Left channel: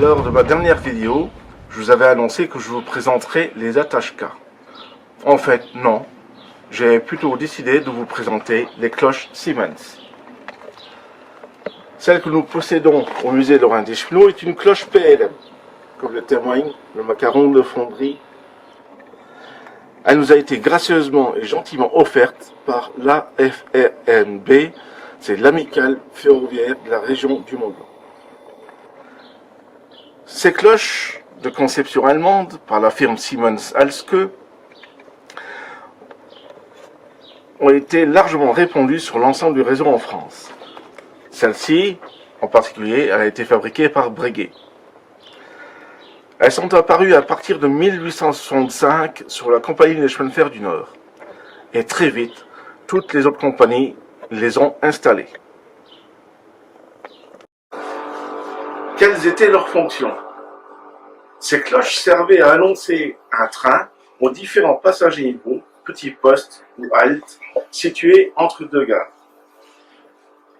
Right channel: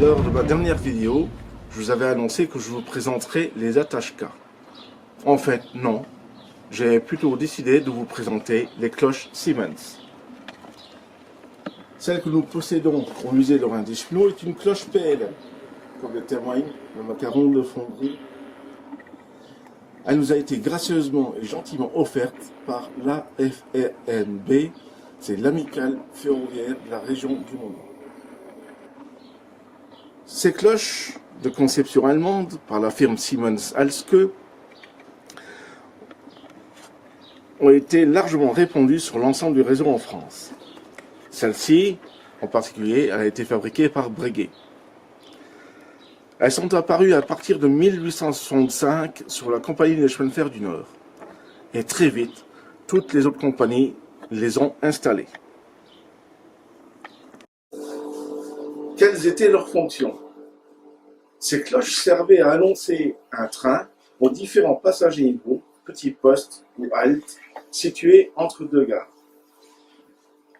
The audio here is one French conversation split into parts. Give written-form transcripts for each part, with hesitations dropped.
Lors de ma dernière vidéo, je vous avais annoncé que je vous présenterai les attache-cas. En fait, non. J'ai plutôt décidé de vous présenter les cloches Siemens. Celle que nous possédons au musée Lorrain d'Eschenaux est une cloche PLM, comme le témoigne le macaron de fonderie. Elle nous a été gracieusement et gentiment offerte par l'AFRNB, c'est l'amicale ferroviaire de la région du Mont-Blanc. Ces cloches, de conception allemande par la firme Siemens Halske, ont été largement répandues sur l'ensemble du réseau en France. Celle-ci, en particulier, elle a été fabriquée par Breguet. Elles sont apparues à partir de 1865 sur la Compagnie des chemins de fer du Nord. Et très vite, toutes les autres compagnies les ont installées. Quelles étaient leurs fonctions? Ces cloches servaient à annoncer un train aux différents passagers niveaux, petits postes ou haltes, situés entre deux gares.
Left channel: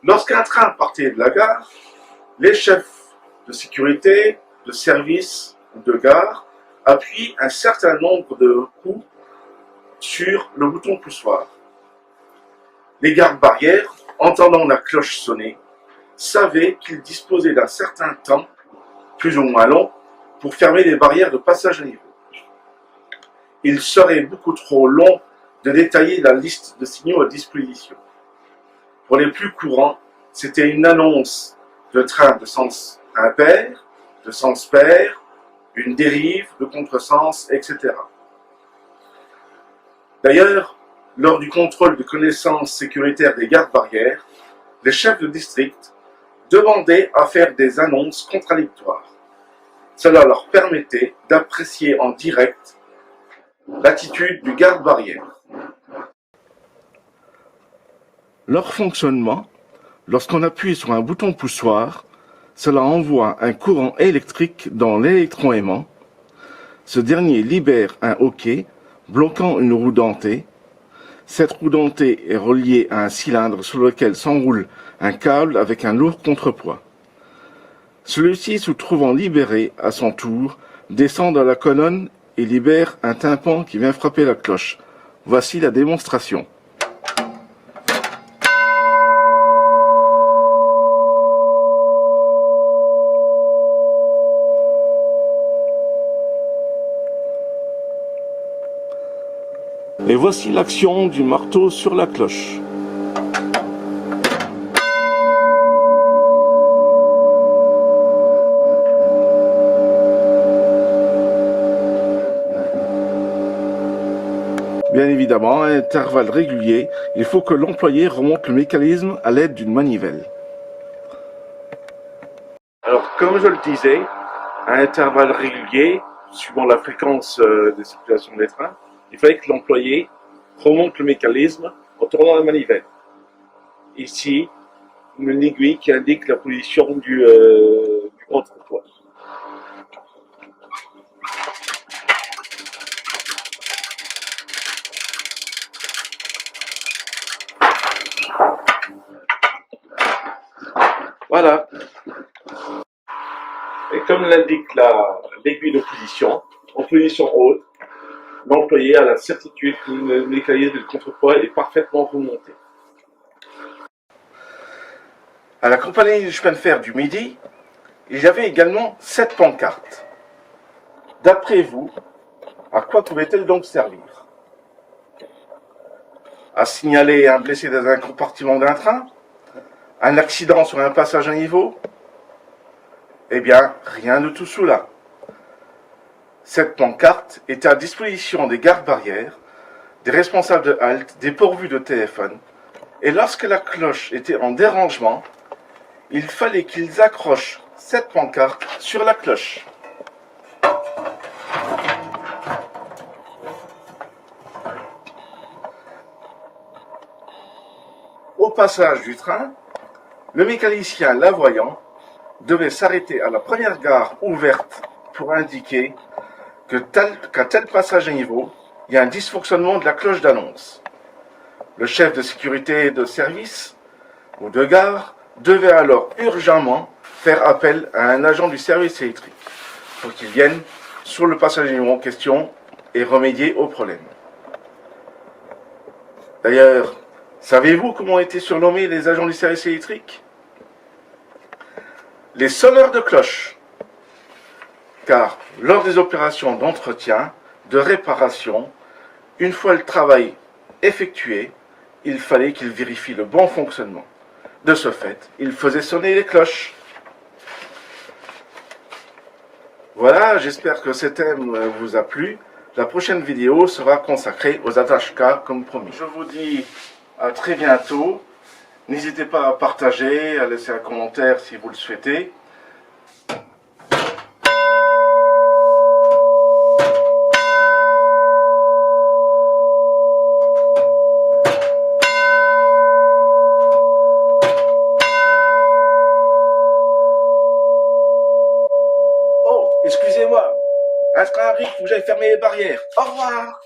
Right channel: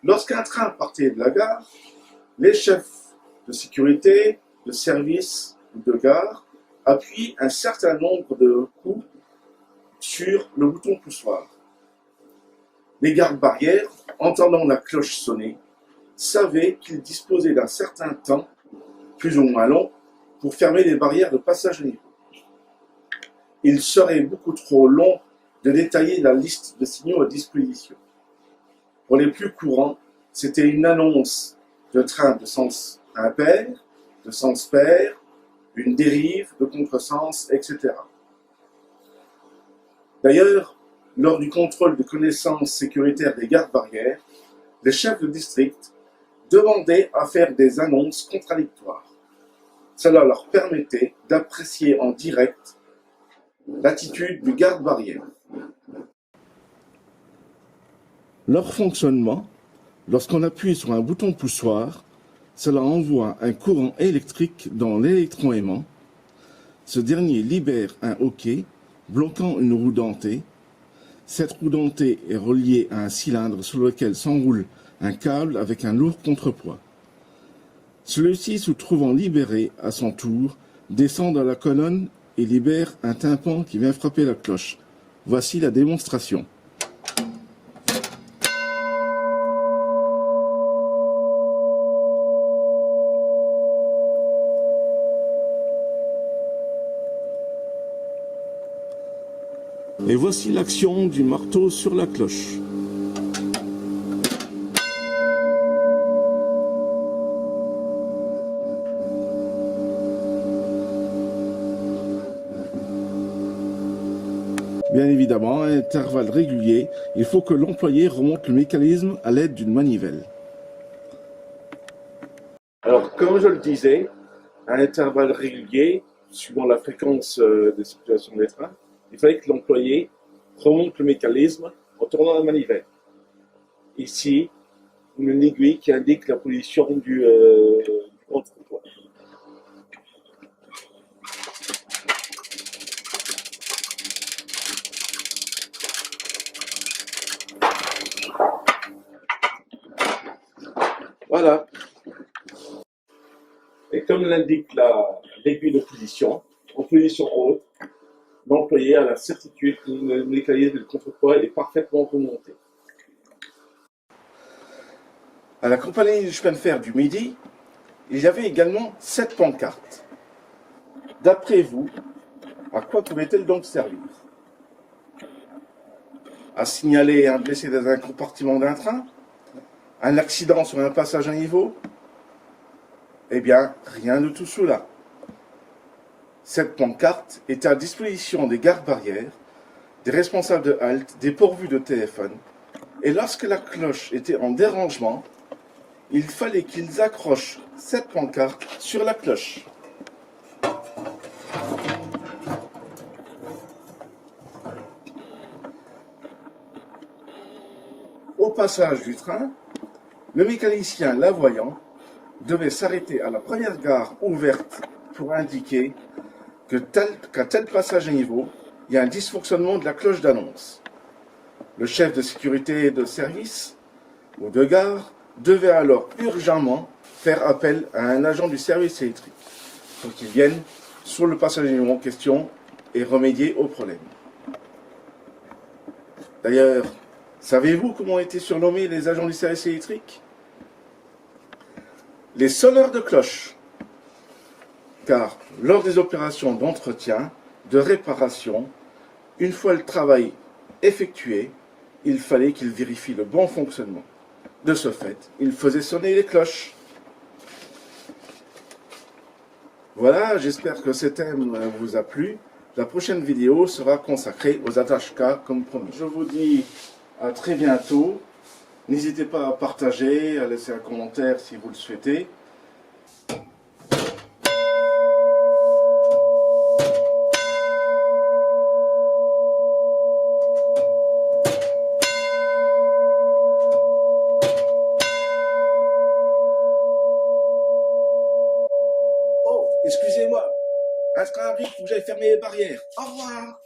Lorsqu'un train partait de la gare, les chefs de sécurité, de service ou de gare appuient un certain nombre de coups sur le bouton poussoir. Les gardes-barrières, entendant la cloche sonner, savaient qu'ils disposaient d'un certain temps, plus ou moins long, pour fermer les barrières de passage à niveau. Il serait beaucoup trop long de détailler la liste de signaux à disposition. Pour les plus courants, c'était une annonce de train de sens impair, de sens pair, une dérive, de contresens, etc. D'ailleurs, lors du contrôle de connaissances sécuritaires des gardes-barrières, les chefs de district demandaient à faire des annonces contradictoires. Cela leur permettait d'apprécier en direct l'attitude du garde-barrière. Leur fonctionnement, lorsqu'on appuie sur un bouton poussoir, cela envoie un courant électrique dans l'électroaimant. Ce dernier libère un hoquet bloquant une roue dentée. Cette roue dentée est reliée à un cylindre sur lequel s'enroule un câble avec un lourd contrepoids. Celui-ci, se trouvant libéré à son tour, descend dans la colonne et libère un tympan qui vient frapper la cloche. Voici la démonstration. Et voici l'action du marteau sur la cloche. Bien évidemment, à intervalles réguliers, il faut que l'employé remonte le mécanisme à l'aide d'une manivelle. Alors, comme je le disais, à intervalles réguliers, suivant la fréquence de circulation des trains, il fallait que l'employé remonte le mécanisme en tournant la manivelle. Ici, une aiguille qui indique la position du contrepoids. Voilà. Et comme l'indique l'aiguille de position, en position haute, l'employé a la certitude que le mécanisme de contrepoids est parfaitement remonté. À la compagnie du chemin de fer du Midi, il y avait également 7 pancartes. D'après vous, à quoi pouvaient-elles donc servir? À signaler un blessé dans un compartiment d'un train? Un accident sur un passage à niveau? Eh bien, rien de tout cela. Cette pancarte était à disposition des gardes-barrières, des responsables de halte, dépourvus de téléphone, et lorsque la cloche était en dérangement, il fallait qu'ils accrochent cette pancarte sur la cloche. Au passage du train, le mécanicien la voyant devait s'arrêter à la première gare ouverte pour indiquer qu'à tel passage à niveau, il y a un dysfonctionnement de la cloche d'annonce. Le chef de sécurité de service ou de gare devait alors urgemment faire appel à un agent du service électrique pour qu'il vienne sur le passage en question et remédier au problème. D'ailleurs, savez-vous comment ont été surnommés les agents du service électrique? Les sonneurs de cloche. Car lors des opérations d'entretien, de réparation, une fois le travail effectué, il fallait qu'ils vérifient le bon fonctionnement. De ce fait, ils faisaient sonner les cloches. Voilà, j'espère que ce thème vous a plu. La prochaine vidéo sera consacrée aux attaches K comme promis. Je vous dis à très bientôt. N'hésitez pas à partager, à laisser un commentaire si vous le souhaitez. Oh, excusez-moi. Un train arrive, faut que j'aille fermer les barrières. Au revoir.